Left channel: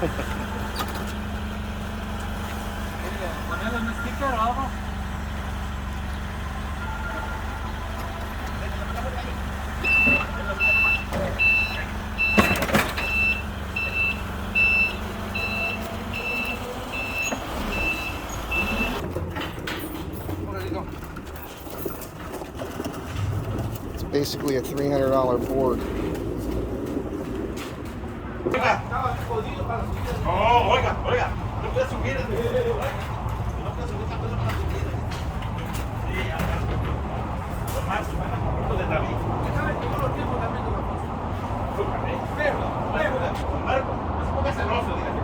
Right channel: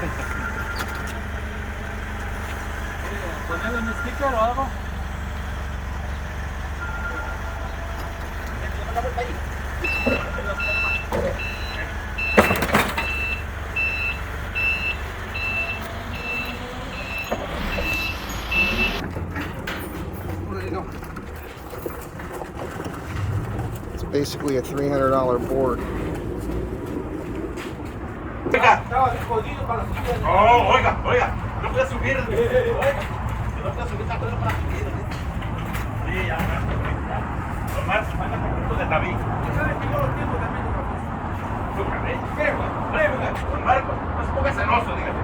¿Ponerle un sticker o algo? It's basically a $300 board. Oh, oiga, no puede subir. No puede subir la cosa para subir. Sí, ya, Tomás, anda con punto de Javi. ¿Sabes que yo lo tengo también con la cosa? Óigame, don Marcos, no se ponga celoso, dígame.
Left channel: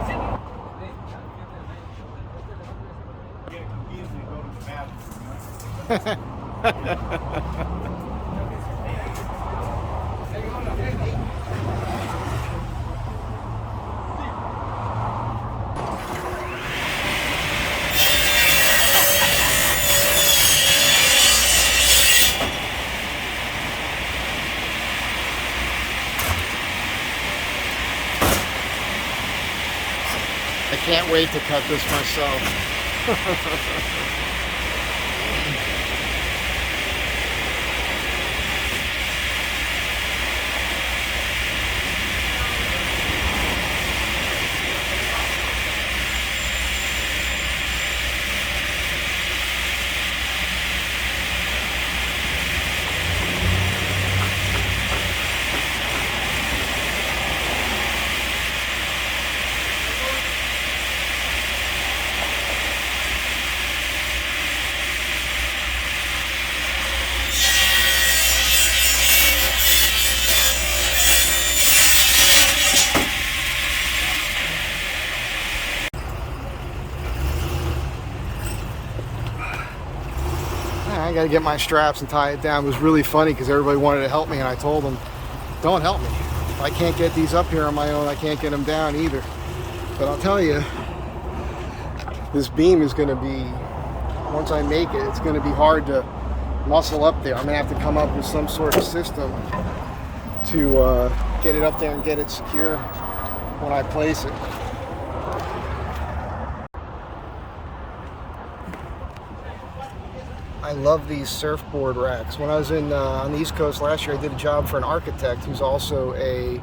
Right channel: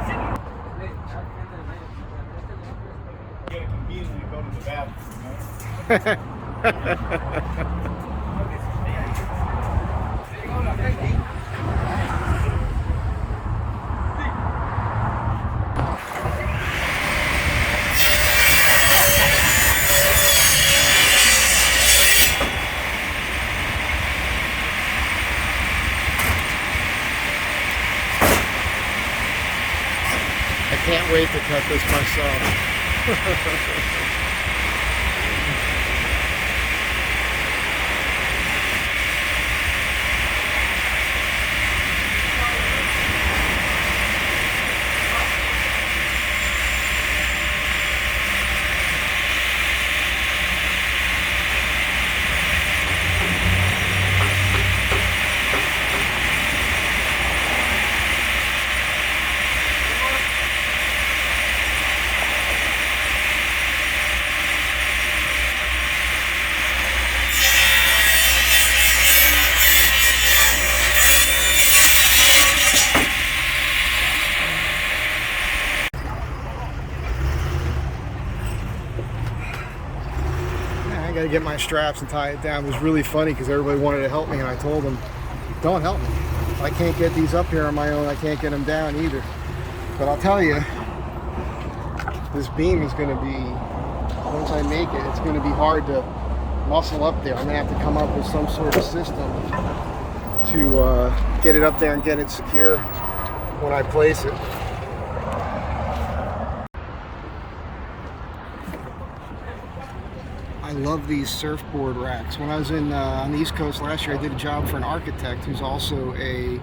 Así no. I can't wait to cut this myself. I gotta get my straps and tie it down. It was really funny because everybody wanted to help me, and I told them, don't help me. If I can't get these up here on my own, I can't get them down either. But I'll tell you, this beam is gonna be, once I make it, it's gonna be hard to muscle up there. I'm gonna have to come up with some sort of system to get it up there and get it secure when I place it. I love these surfboard racks. When I was on the East Coast last year, I did a job for an architect who's also a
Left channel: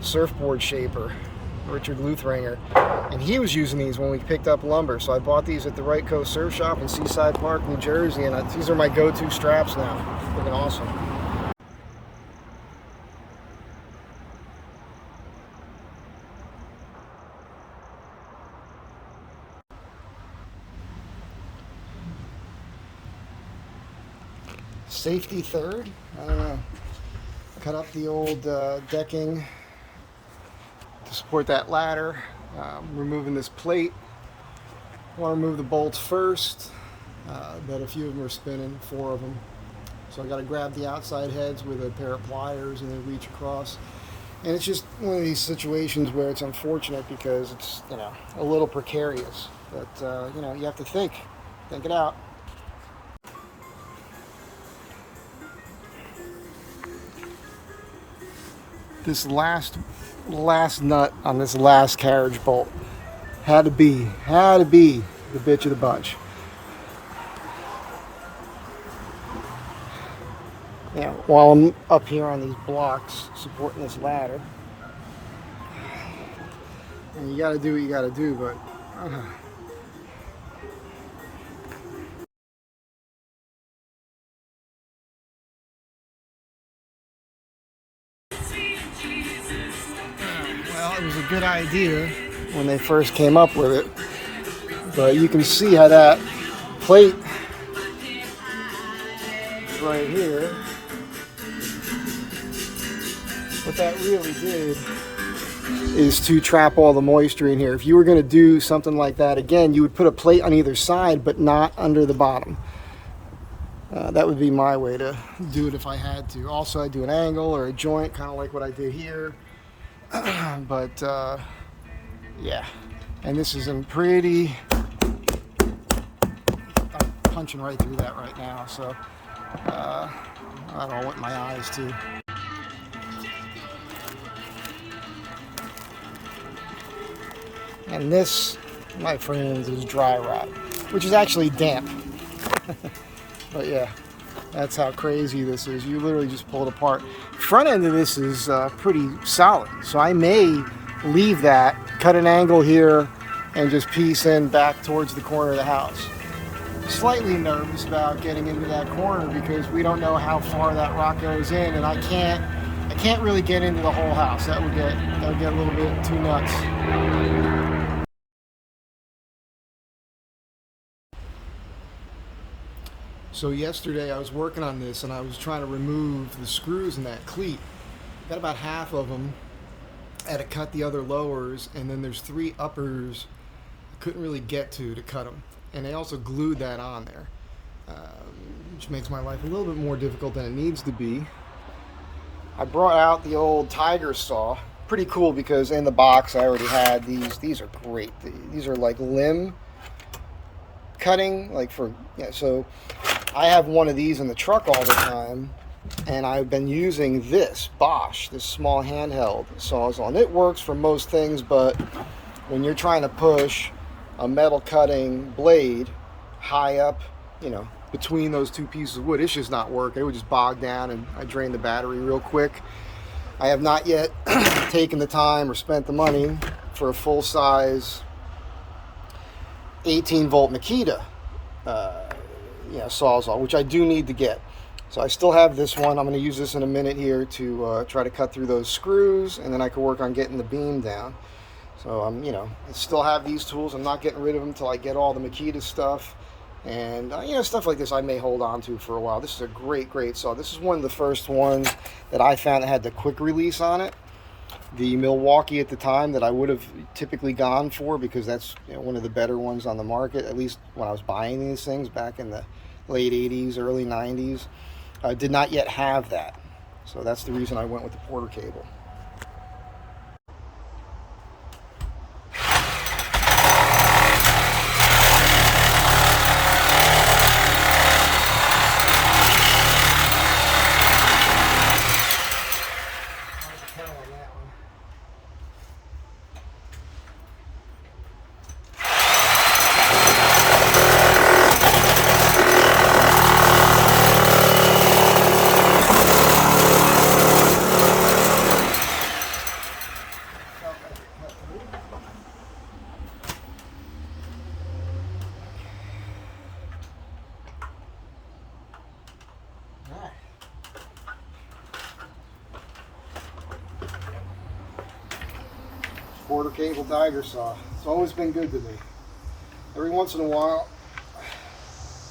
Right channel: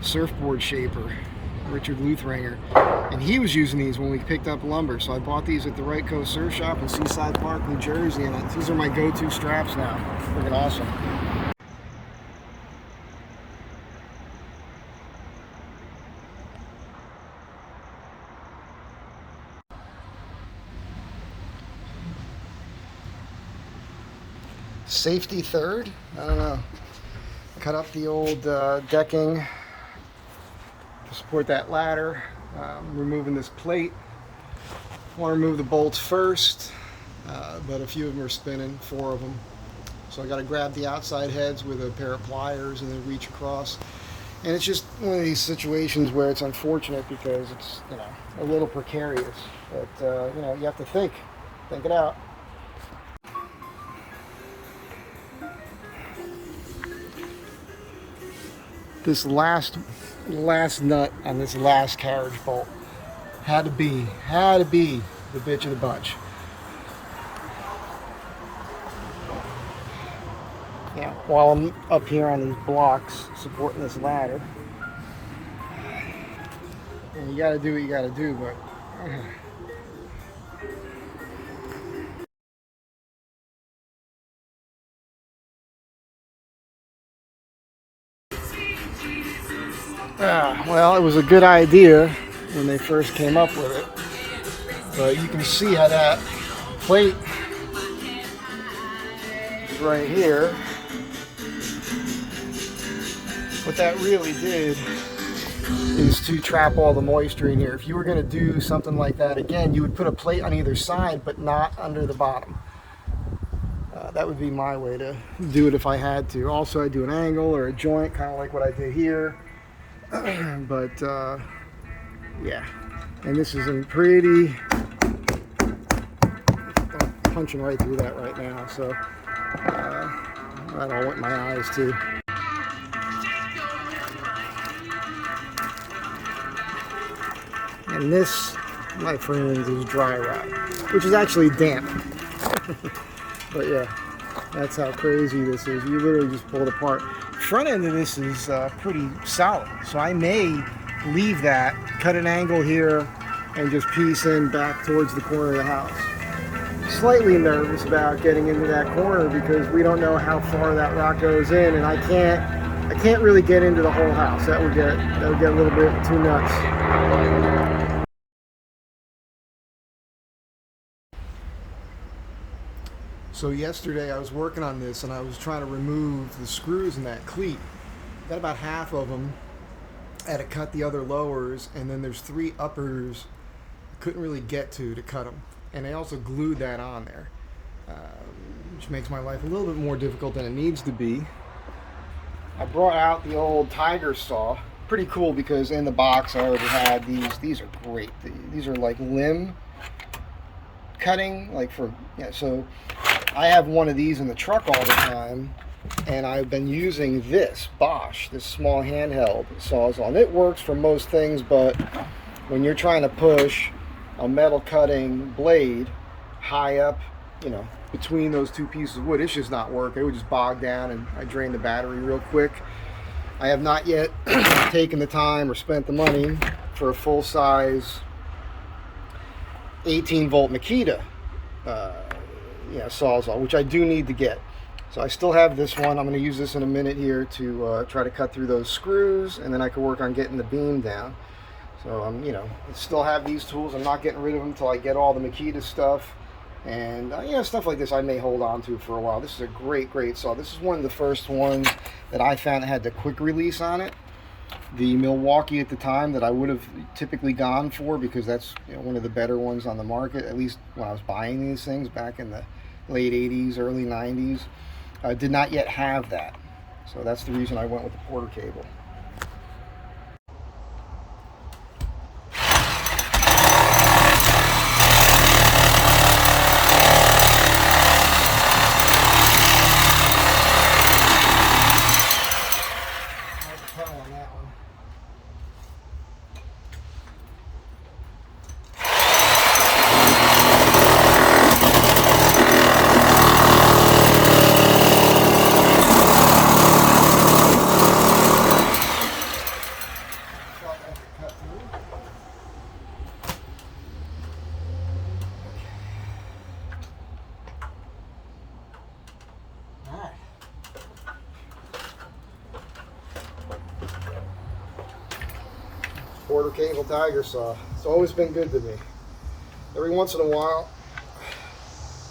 surfboard shaper, Richard Luthranger, and he was using these when we picked up lumber. So I bought these at the Right Coast Surf Shop in Seaside Park, New Jersey, and these are my go-to straps now. Freaking awesome. Safety third? I don't know. Cut up the old decking to support that ladder. Removing this plate. Want to remove the bolts first, but a few of them are spinning, 4 of them. So I got to grab the outside heads with a pair of pliers and then reach across. And it's just one of these situations where it's unfortunate because it's, you know, a little precarious. But, you know, you have to think it out. This last nut on this last carriage bolt had to be the bitch of the bunch. Yeah, while I'm up here on these blocks supporting this ladder, and you gotta do what you gotta do, but well, it was a good idea when they first came up with it, but you can see how that plate is right here. What that really did is to trap all the moisture in here. If you were going to do something like that again, you would put a plate on either side, but not under the bottom. That would be my way to do it if I had to. Also, I'd do an angle or a joint, kind of like what I did here. But yeah, and this is in pretty, I'm punching right through that right now, so that all went in my eyes too. And this, my friends, is dry rot, which is actually damp. But yeah, that's how crazy this is. You literally just pull it apart. Front end of this is pretty solid, so I may leave that, cut an angle here, and just piece in back towards the corner of the house. Slightly nervous about getting into that corner because we don't know how far that rock goes in, and I can't really get into the whole house. That would get a little bit too nuts. So yesterday I was working on this and I was trying to remove the screws in that cleat. Got about half of them. I had to cut the other lowers, and then there's 3 uppers I couldn't really get to cut them. And they also glued that on there, which makes my life a little bit more difficult than it needs to be. I brought out the old Tiger saw. Pretty cool because in the box I already had these. These are great. These are like limb cutting, like for, yeah, so I have one of these in the truck all the time, and I've been using this Bosch, this small handheld sawzall, and it works for most things, but when you're trying to push a metal cutting blade high up, you know, between those 2 pieces of wood, it's just not working. It would just bog down, and I drained the battery real quick. I have not yet taken the time or spent the money for a full-size 18-volt Makita sawzall, which I do need to get. So I still have this one. I'm going to use this in a minute here to try to cut through those screws, and then I can work on getting the beam down. So I'm, I still have these tools. I'm not getting rid of them until I get all the Makita stuff, and stuff like this I may hold on to for a while. This is a great saw. This is one of the first ones that I found that had the quick release on it. The Milwaukee at the time that I would have typically gone for, because that's one of the better ones on the market, at least when I was buying these things back in the late 80s, early 90s, did not yet have that. So that's the reason I went with the Porter cable. Porter cable Tiger saw. It's always been good to me. Every once in a while,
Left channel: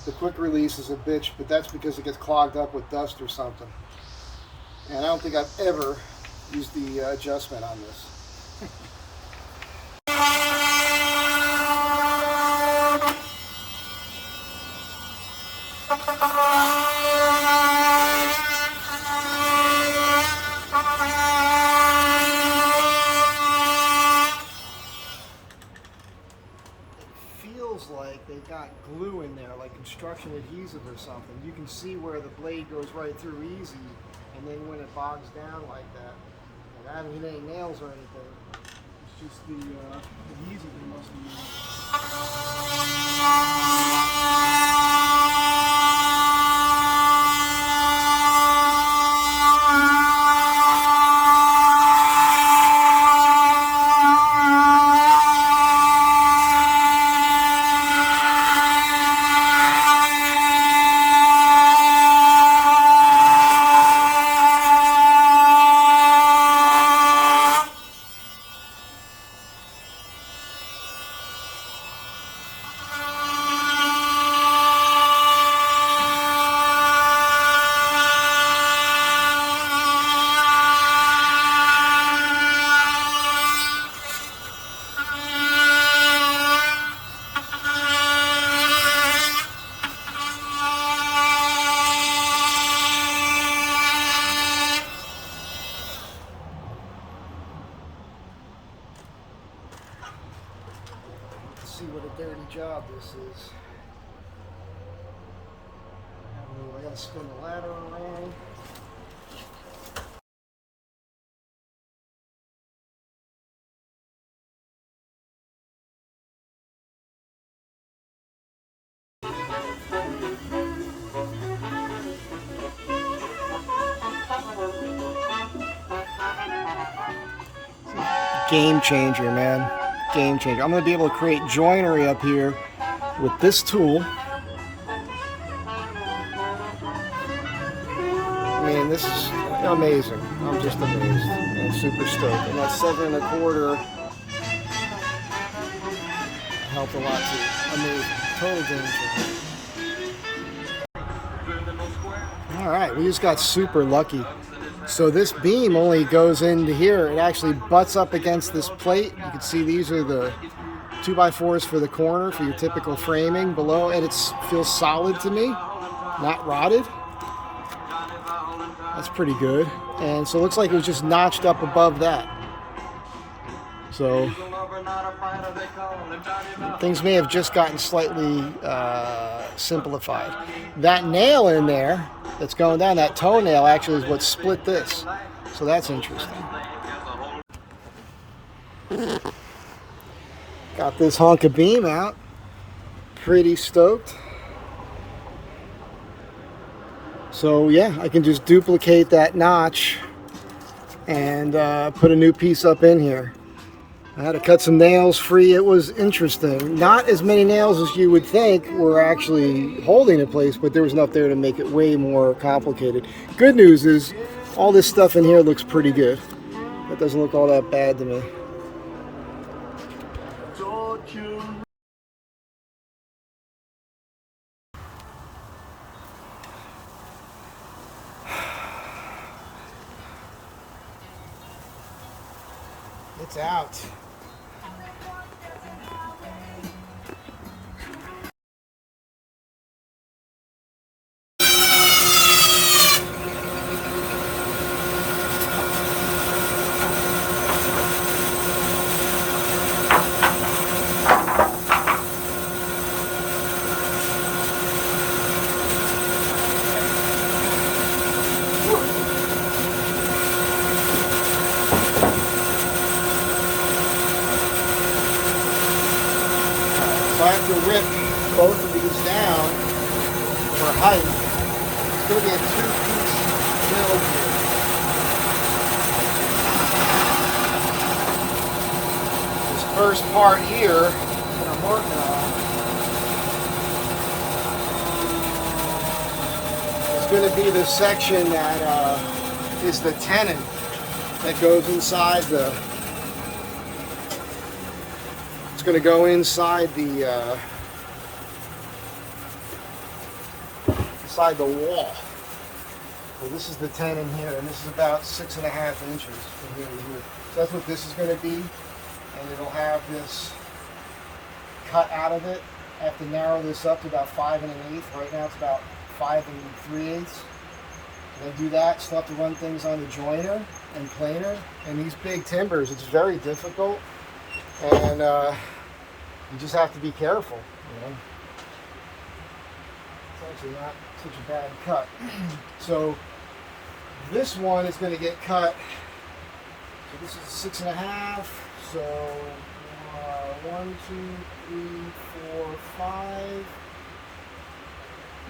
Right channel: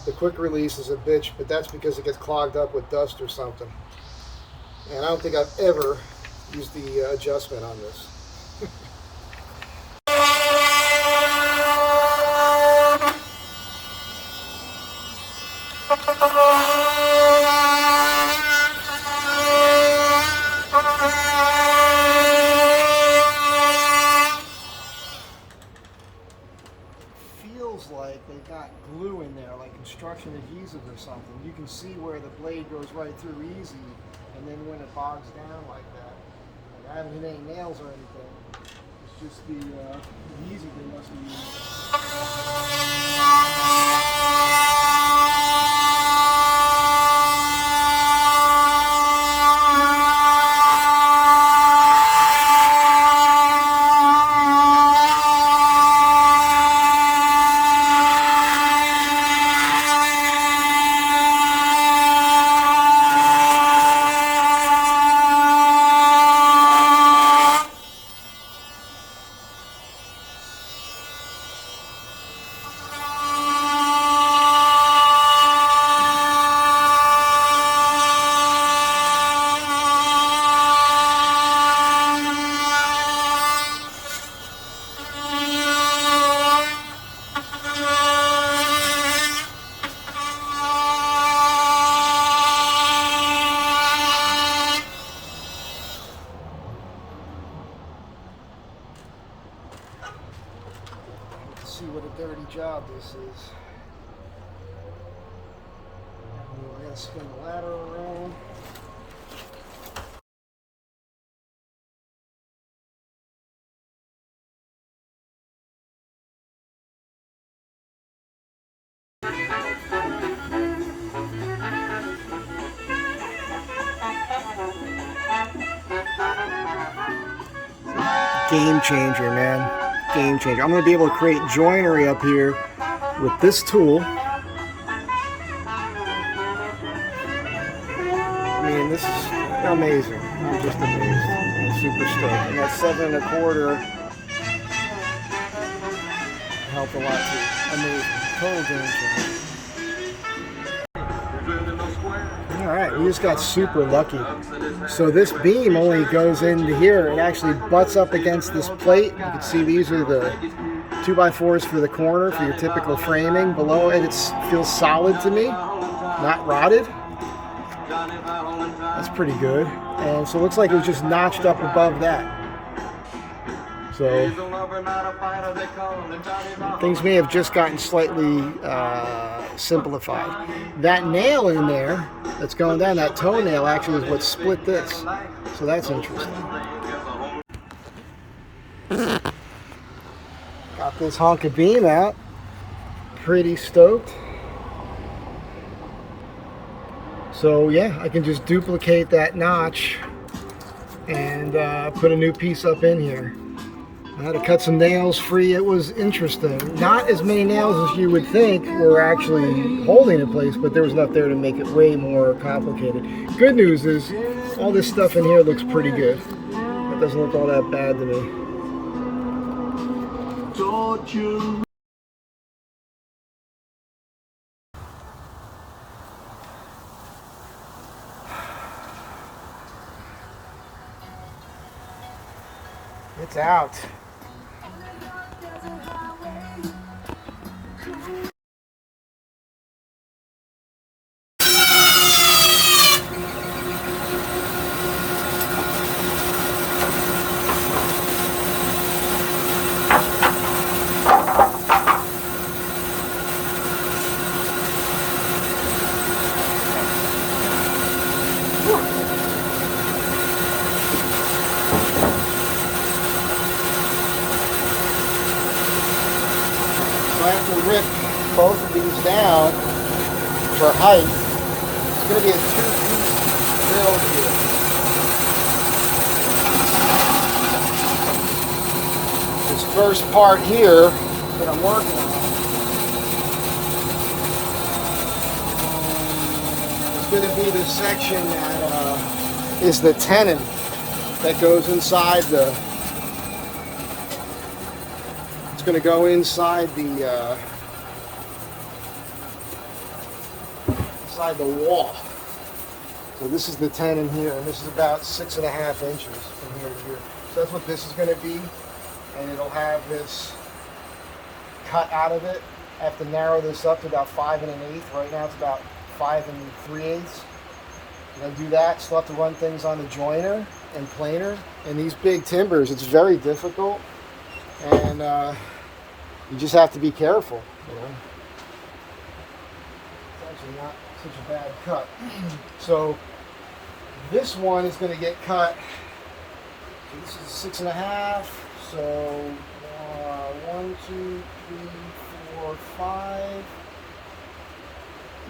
the quick release is a bitch, but that's because it gets clogged up with dust or something. And I don't think I've ever used the adjustment on this. Feels like they got glue in there, like construction adhesive or something. You can see where the blade goes right through easy, and then when it bogs down like that, like I haven't hit any nails or anything. It's just the adhesive they must have see what a dirty job this is. I gotta spin the ladder around. Game changer, man. Game changer. I'm going to be able to create joinery up here with this tool. I mean, this is amazing. I'm just amazed and super stoked. And that 7 1/4 helped a lot too. Amazing. Total game changer. Alright, we just got super lucky. So this beam only goes into here. It actually butts up against this plate. You can see these are the 2x4s for the corner for your typical framing. Below it, it feels solid to me, not rotted. That's pretty good. And so it looks like it was just notched up above that. So things may have just gotten slightly simplified. That nail in there that's going down, that toenail actually is what split this. So that's interesting. Got this hunk of beam out. Pretty stoked. So yeah, I can just duplicate that notch and put a new piece up in here. I had to cut some nails free. It was interesting. Not as many nails as you would think were actually holding in place, but there was enough there to make it way more complicated. Good news is all this stuff in here looks pretty good. It doesn't look all that bad to me. It's out. So I have to rip both of these down for height. It's going to be a 2-piece build here. This first part here that I'm working on is going to be the section that is the tenon that goes inside the. It's going to go inside the wall. So this is the tenon here, and this is about 6.5 inches from here to here. So that's what this is going to be, and it'll have this cut out of it. I have to narrow this up to about 5 1/8. Right now it's about 5 3/8. When I do that, still have to run things on the joiner and planer. And these big timbers, it's very difficult. And you just have to be careful, you know. It's actually not such a bad cut. So this one is going to get cut. So this is 6.5. So 1, 2, 3, 4, 5.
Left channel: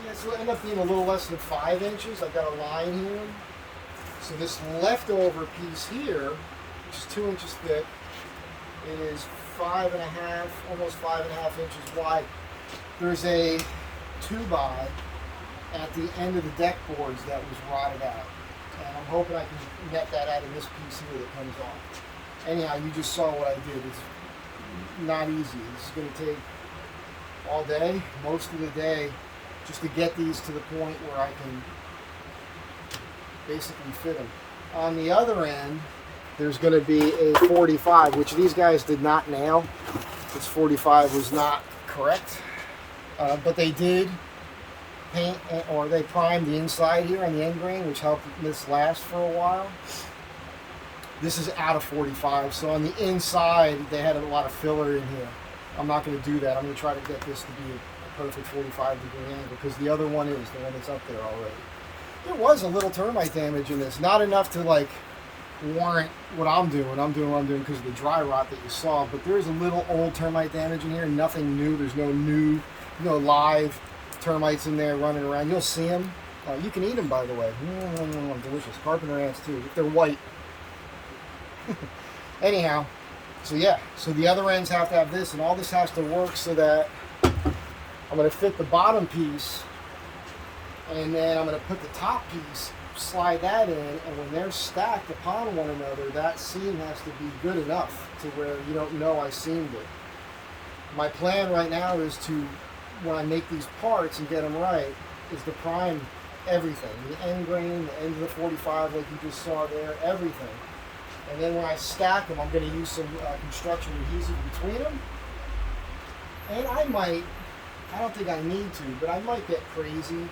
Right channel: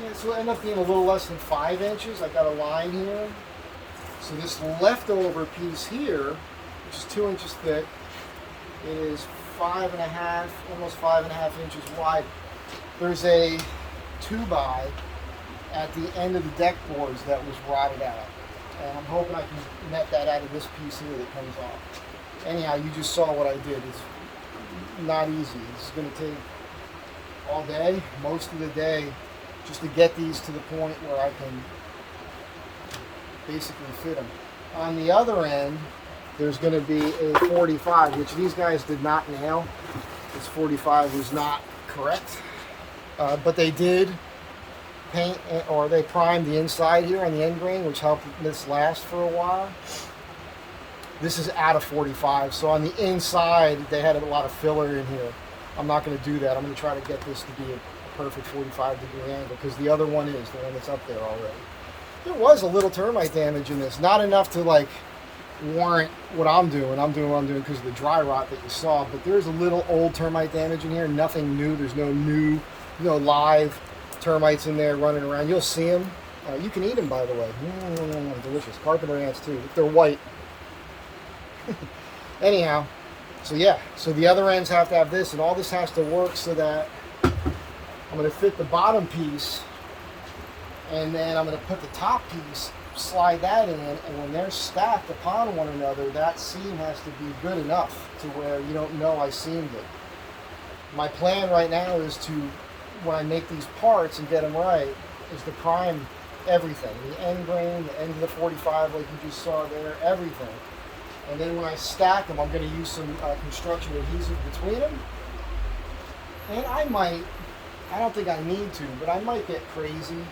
Yeah, so it'll end up being a little less than 5 inches. I've got a line here. So this leftover piece here, which is 2 inches thick, is 5.5, almost 5.5 inches wide. There's a 2x at the end of the deck boards that was rotted out, and I'm hoping I can net that out of this piece here that comes off. Anyhow, you just saw what I did. It's not easy. This is going to take all day, most of the day, just to get these to the point where I can basically fit them. On the other end, there's going to be a 45, which these guys did not nail. This 45 was not correct, but they did paint, or they primed the inside here on the end grain, which helped this last for a while. This is out of 45, so on the inside they had a lot of filler in here. I'm not going to do that. I'm going to try to get this to be a perfect 45-degree angle, because the other one is the one that's up there already. There was a little termite damage in this, not enough to like warrant what I'm doing. I'm doing what I'm doing because of the dry rot that you saw, but there's a little old termite damage in here. Nothing new. There's no new, live termites in there running around. You'll see them. You can eat them, by the way. Delicious. Carpenter ants too, if they're white. Anyhow, So yeah, so the other ends have to have this, and all this has to work so that I'm going to fit the bottom piece, and then I'm going to put the top piece, slide that in, and when they're stacked upon one another, that seam has to be good enough to where you don't know I seamed it. My plan right now is to, when I make these parts and get them right, is to prime everything. The end grain, the end of the 45 like you just saw there, everything. And then when I stack them, I'm going to use some construction adhesive between them. And I don't think I need to, but I might get crazy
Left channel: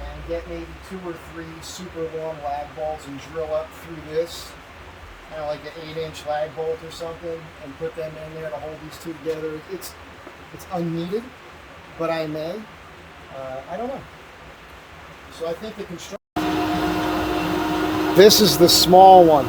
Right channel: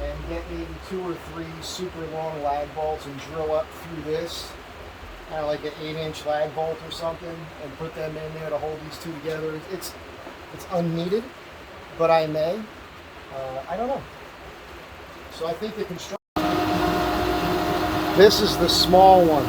and get maybe 2 or 3 super long lag bolts and drill up through this, kind of like an 8-inch lag bolt or something, and put them in there to hold these two together. It's unneeded, but I may. I don't know. So I think the construction. This is the small one.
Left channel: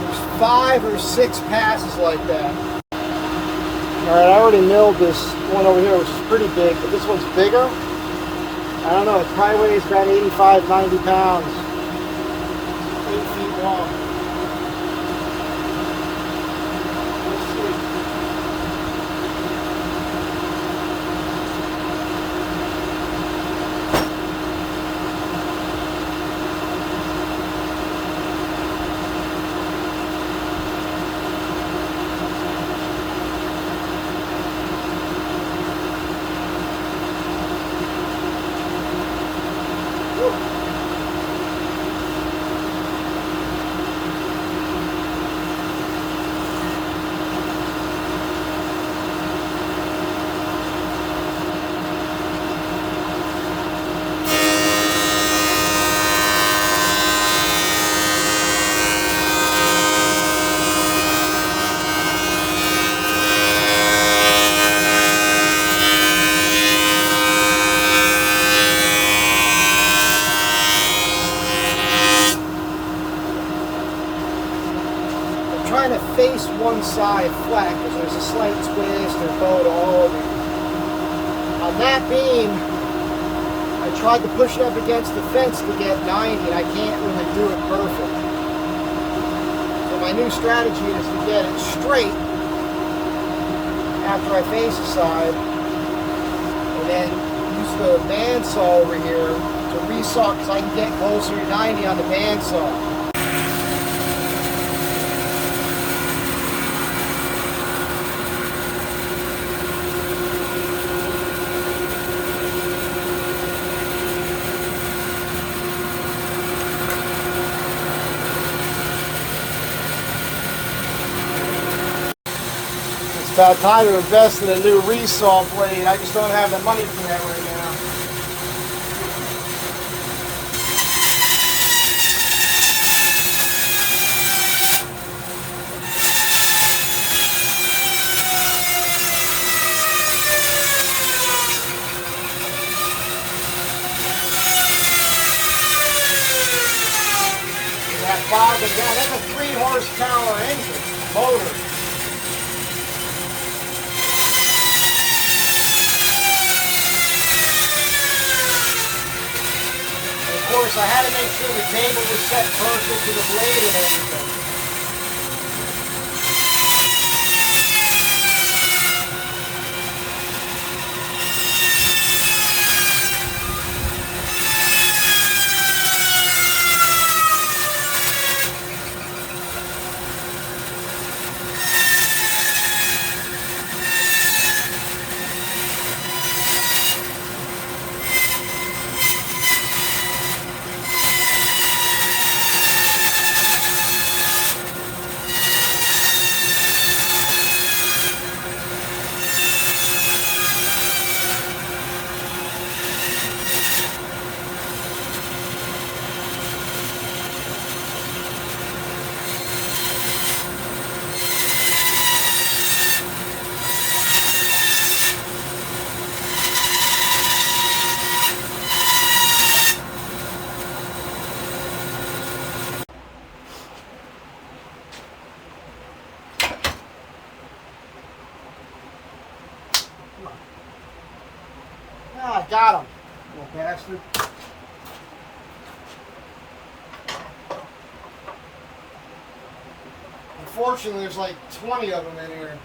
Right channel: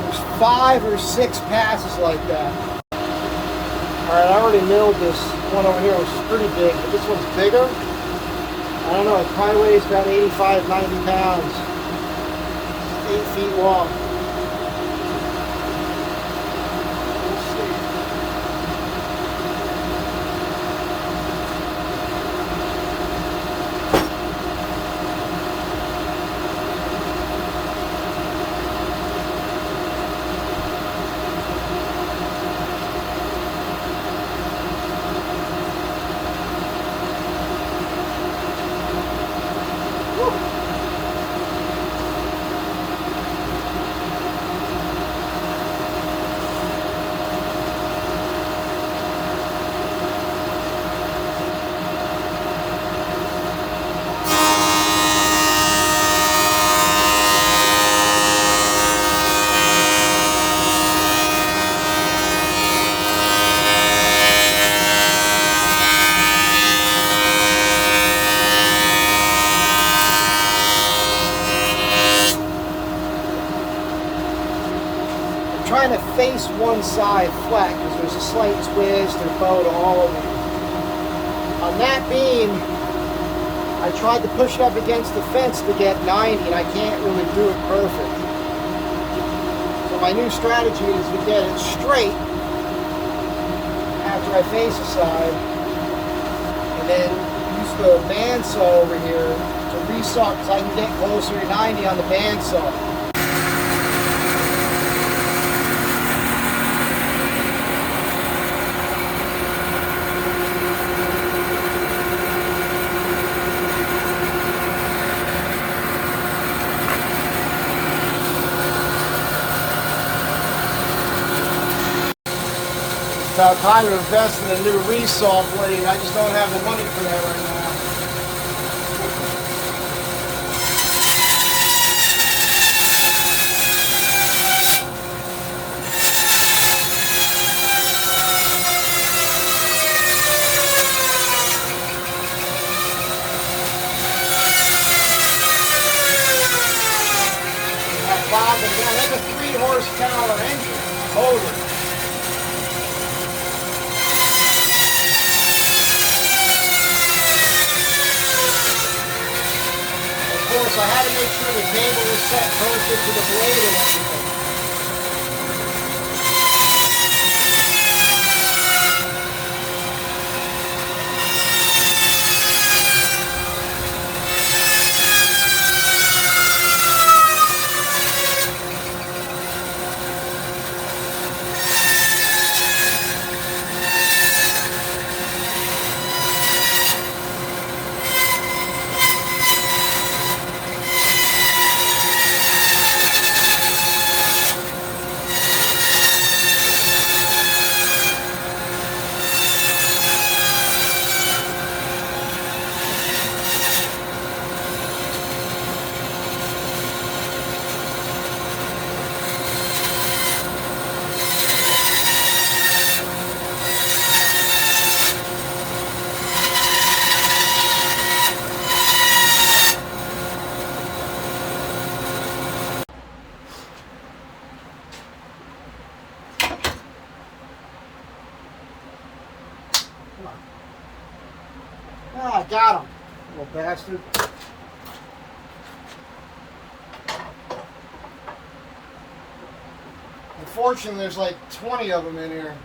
There's 5 or 6 passes like that. Alright, I already milled this one over here, which is pretty big, but this one's bigger. I don't know, it probably weighs about 85, 90 pounds. 8 feet long. We'll see. Trying to face one side flat because there's a slight twist or bow to all of these. On that beam, I tried to push it up against the fence to get 90, and I can't really do it perfect. So my new strategy is to get it straight after I face the side, and then use the bandsaw over here to resaw because I can get closer to 90 on the bandsaw. Kind of time to invest in a new resaw blade. I just don't have the money for that right now. That bobbing down. That's a 3 horsepower engine motor. Of course, I had to make sure the cable was set perfect to the blade and everything. on. Ah, got him. Little bastard. Unfortunately, there's like 20 of them in here.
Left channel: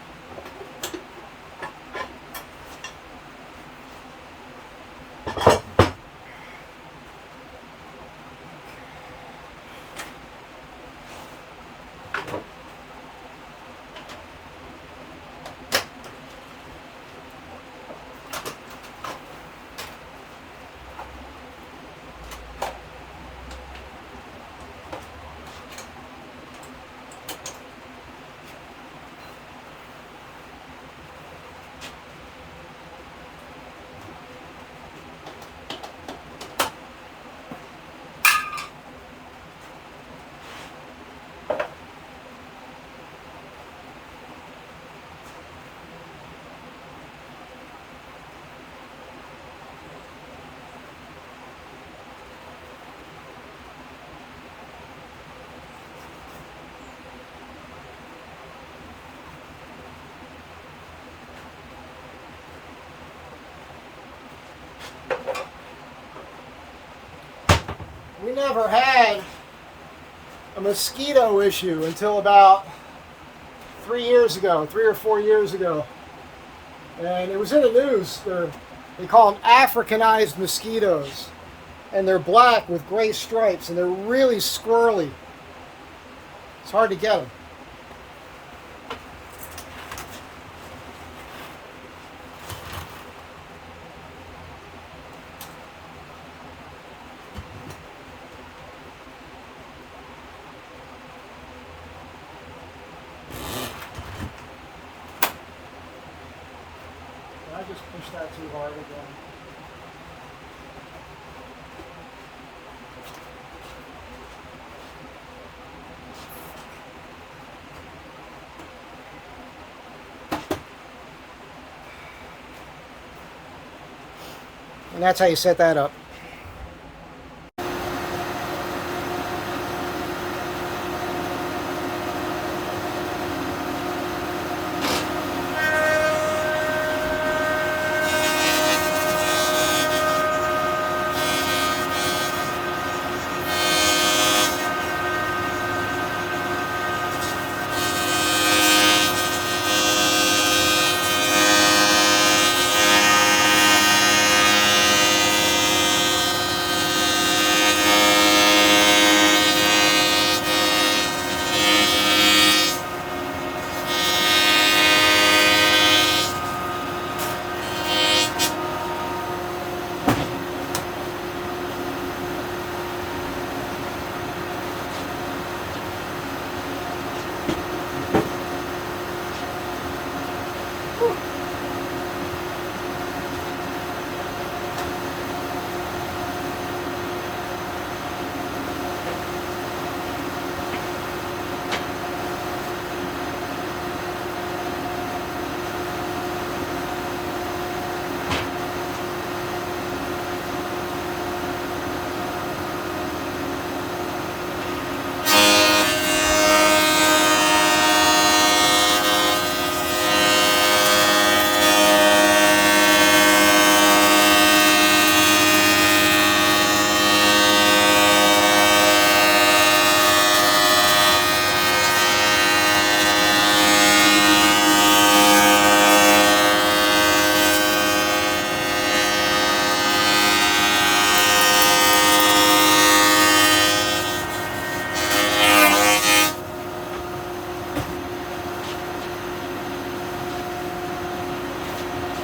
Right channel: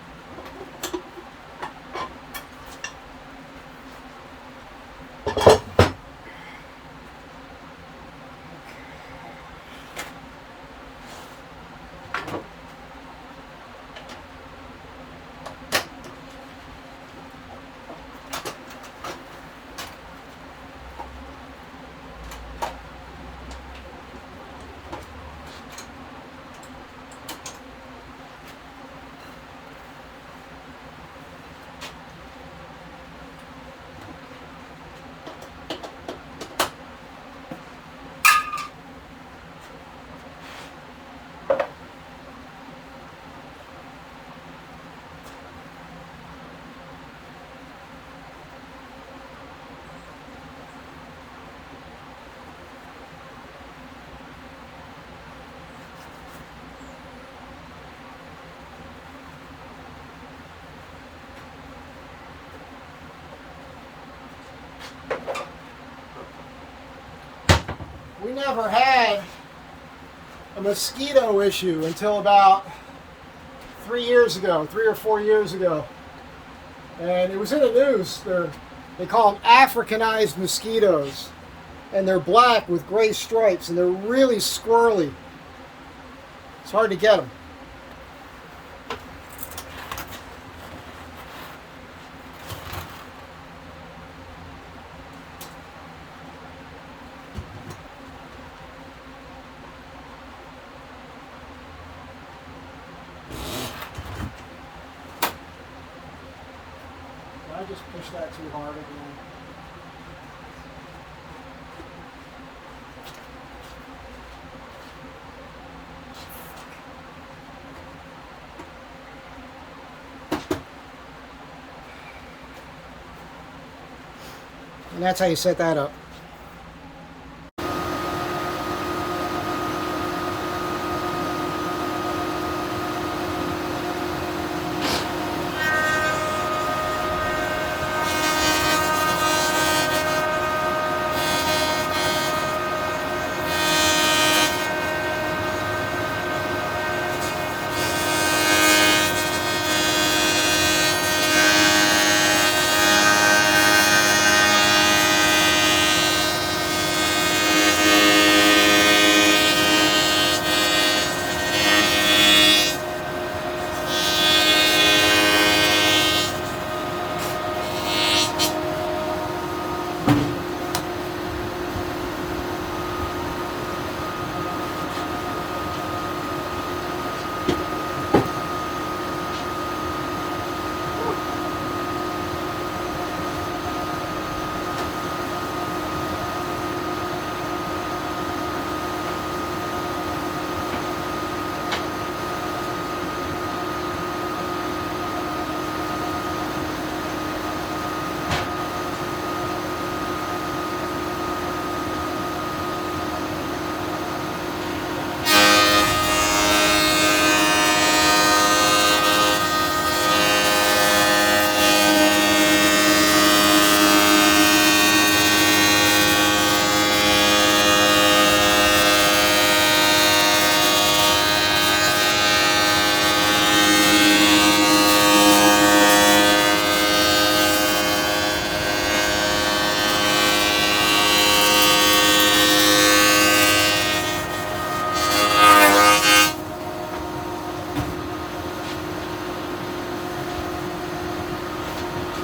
We never had a mosquito issue until about 3 or 4 years ago. And it was in the news. They call them Africanized mosquitoes. And they're black with gray stripes, and they're really squirrely. It's hard to get them. I just pushed that too hard again. And that's how you set that up.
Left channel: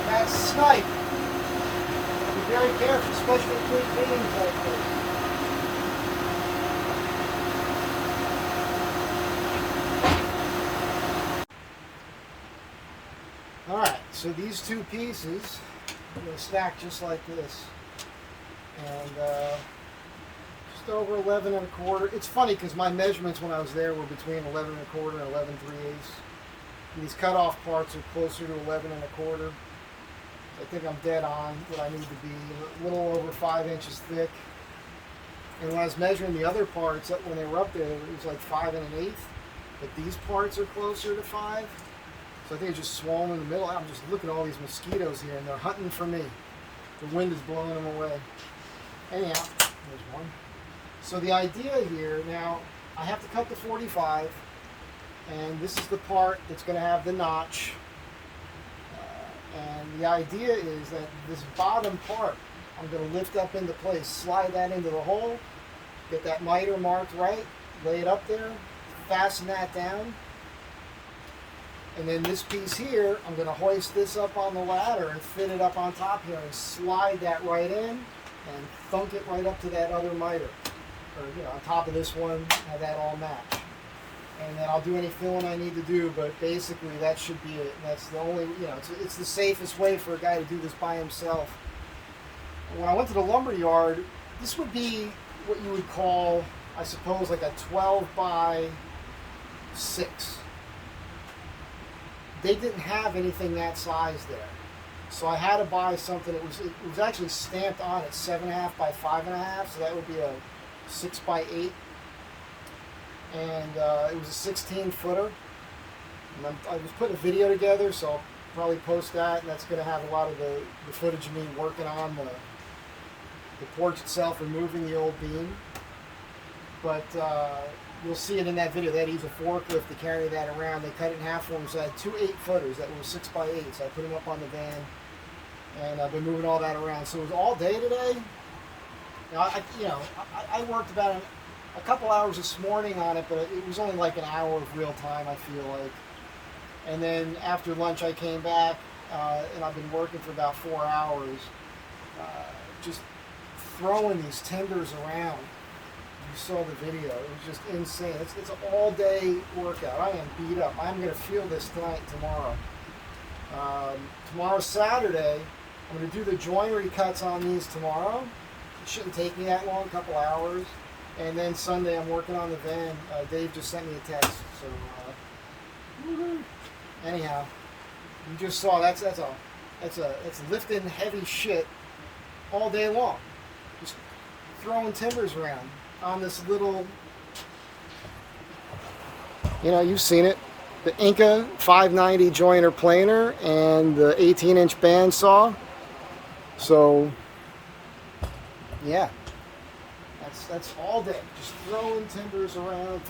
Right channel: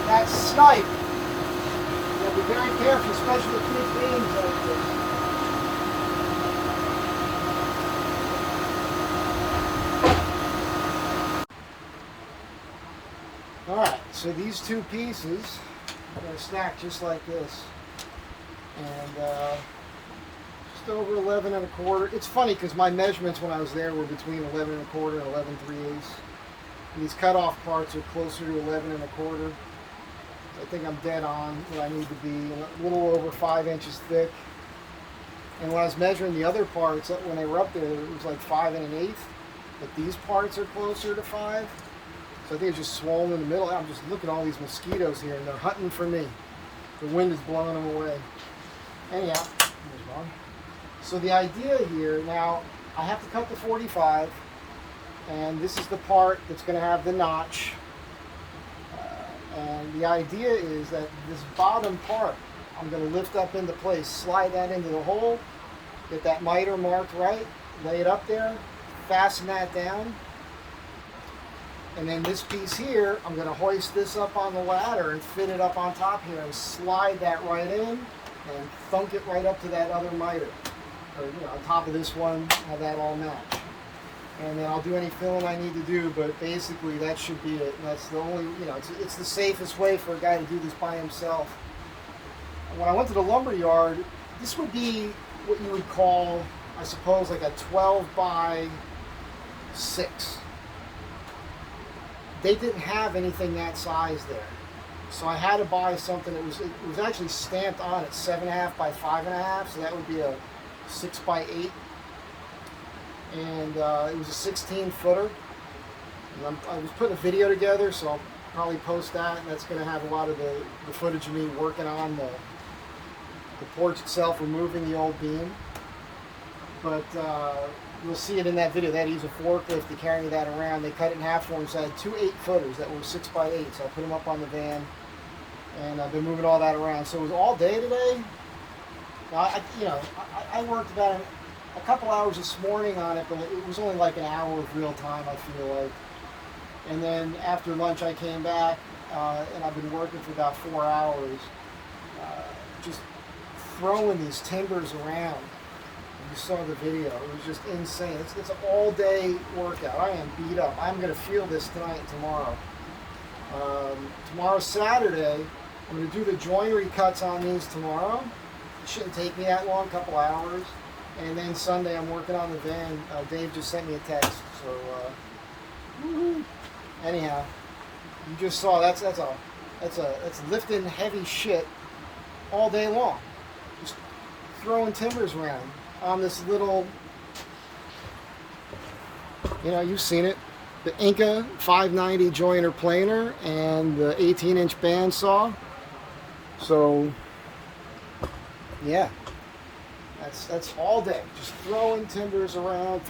That's snipe. So be very careful, especially with big beams like this. Alright, so these two pieces are going to stack just like this. And just over 11 1/4. It's funny because my measurements when I was there were between 11 1/4 and 11 3/8. These cutoff parts are closer to 11 1/4. I think I'm dead on what I need to be, a little over 5 inches thick. And when I was measuring the other parts, when they were up there, it was like 5 1/8. But these parts are closer to 5. So I think it's just swollen in the middle. I'm just looking at all these mosquitoes here, and they're hunting for me. The wind is blowing them away. Anyhow, there's one. So the idea here, now, I have to cut the 45, and this is the part that's going to have the notch. And the idea is that this bottom part, I'm going to lift up into place, slide that into the hole, get that miter marked right, lay it up there, fasten that down. And then this piece here, I'm going to hoist this up on the ladder and fit it up on top here and slide that right in and thunk it right up to that other miter. Or, you know, on top of this one, have that all match. And then I'll do any filling I need to do, but basically that should be it. And that's the only, you know, it's the safest way for a guy to do this by himself. And when I went to the lumber yard, this would be what you would call, I suppose, like a 12 by 6. They didn't have anything that size there. So I had to buy something that it was actually stamped on it 7.5 by 5.5, so that would be a 6 by 8. And it was a 16 footer. And I was putting a video together, so I'll probably post that, and that's going to have a lot of the footage of me working on the porch itself, removing the old beam. But you'll see it in that video. They had to use a forklift to carry that around. They cut it in half for me, so I had 2 8-footers that were 6 by 8. So I put them up on the van, and I've been moving all that around. So it was all day today. Now, I worked about a couple hours this morning on it, but it was only like an hour of real time, I feel like. And then after lunch, I came back, and I've been working for about 4 hours, just throwing these timbers around. You saw the video. It was just insane. It's an all-day workout. I am beat up. I'm going to feel this tonight and tomorrow. Tomorrow's Saturday. I'm going to do the joinery cuts on these tomorrow. It shouldn't take me that long, a couple hours. And then Sunday, I'm working on the van. Dave just sent me a text. So, woo-hoo. Anyhow, you just saw that's lifting heavy shit all day long. Just throwing timbers around on this little, you know, you've seen it, the Inca 590 joiner planer and the 18-inch bandsaw. So yeah, that's all day, just throwing timbers around,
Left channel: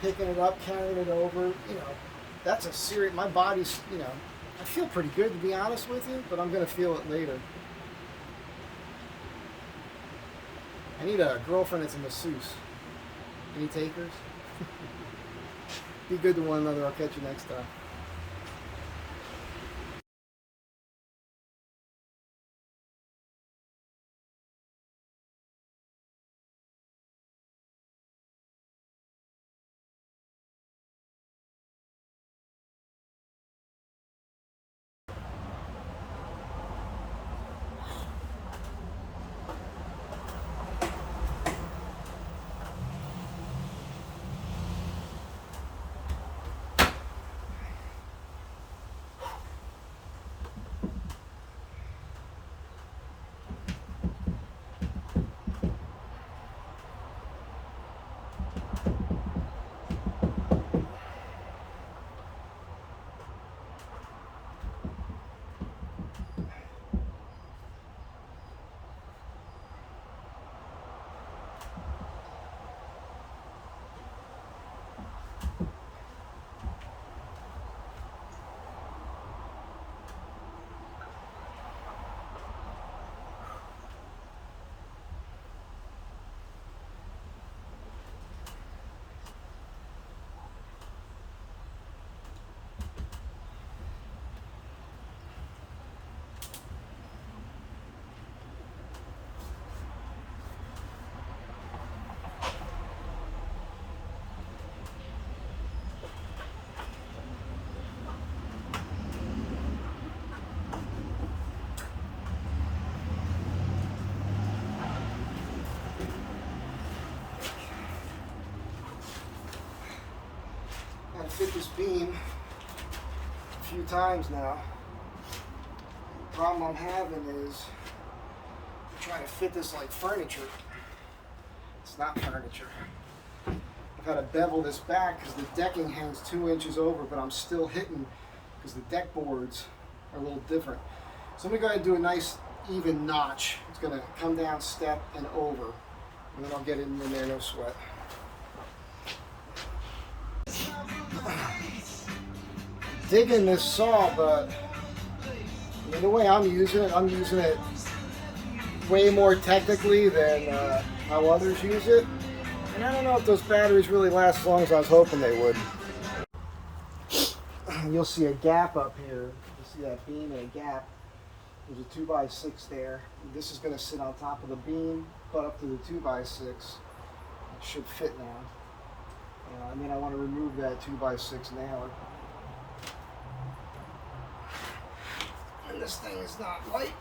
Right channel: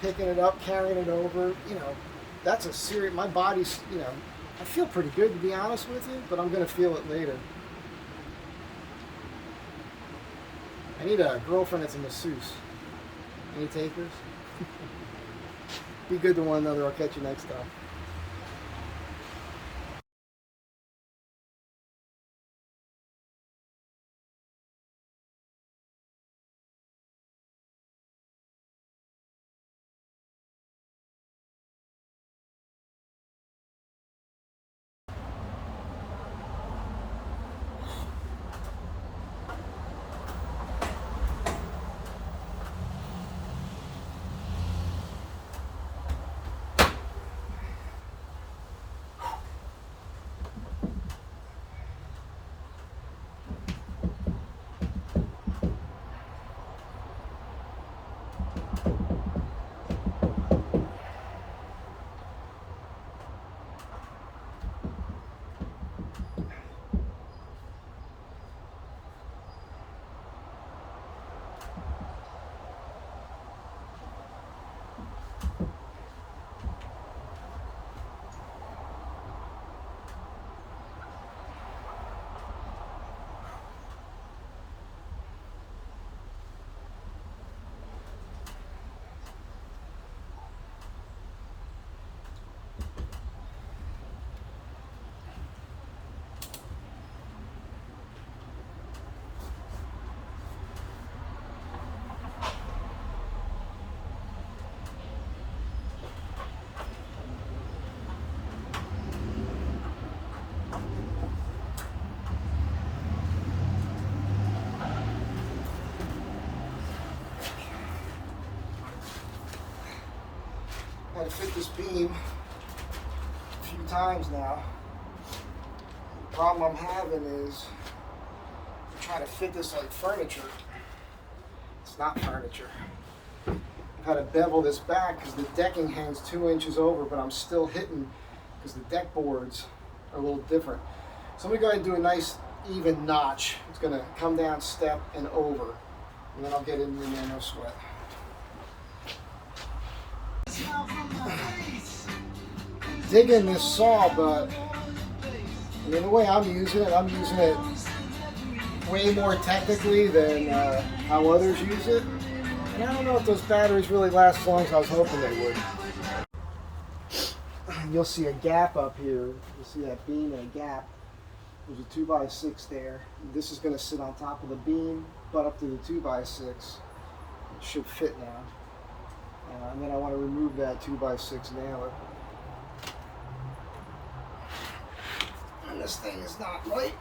picking it up, carrying it over. You know, that's a serious, my body's, you know, I feel pretty good, to be honest with you, but I'm gonna feel it later. I need a girlfriend that's a masseuse. Any takers? Be good to one another. I'll catch you next time. Had to fit this beam a few times now. The problem I'm having is I'm trying to fit this like furniture. It's not furniture. I've had to bevel this back because the decking hangs 2 inches over, but I'm still hitting because the deck boards are a little different. So I'm going to go ahead and do a nice even notch. It's going to come down, step, and over. And then I'll get it in there, no sweat. Digging this saw, but the way I'm using it way more technically than how others use it. And I don't know if those batteries really last as long as I was hoping they would. You'll see a gap up here. You'll see that beam and a gap. There's a 2x6 there. This is going to sit on top of the beam, butt up to the 2x6. It should fit now. And then I want to remove that 2x6 nailer. And this thing is not light.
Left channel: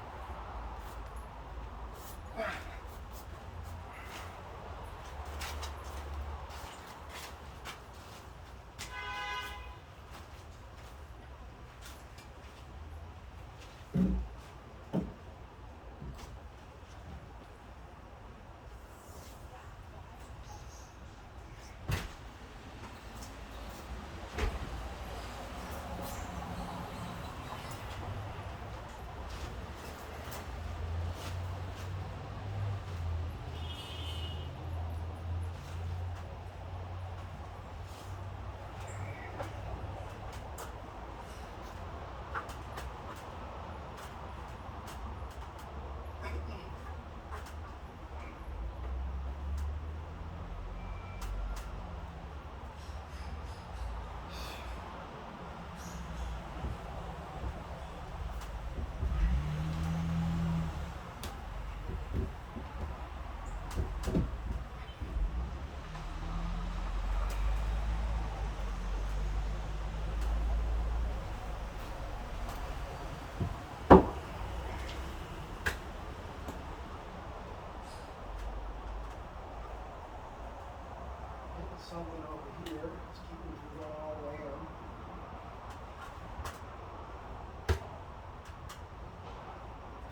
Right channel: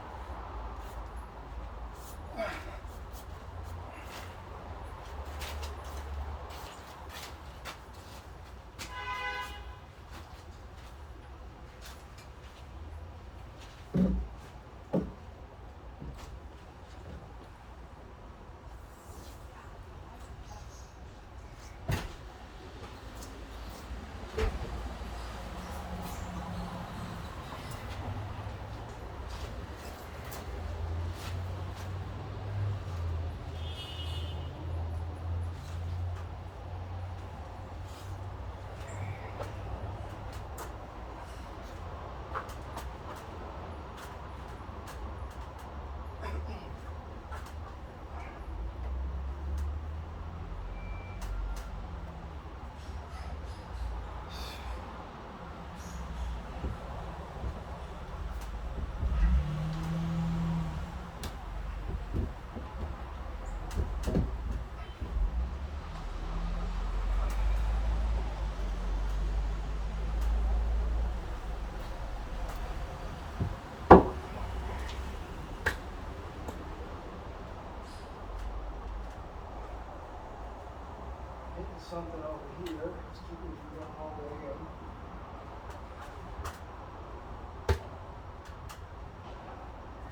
Something over here. It's keeping it from going all the way in.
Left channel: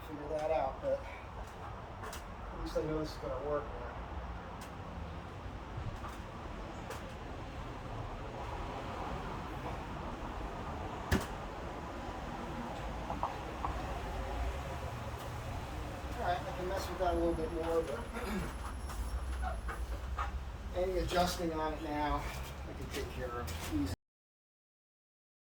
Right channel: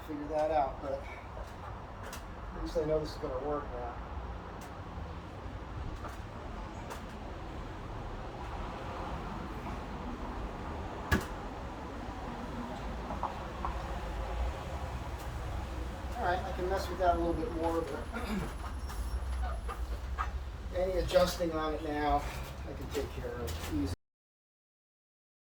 Figure that out, but at least I know this is going to work now. Alright, I can mess with that a little bit more, but any adjusting on it now, I can take care of easy.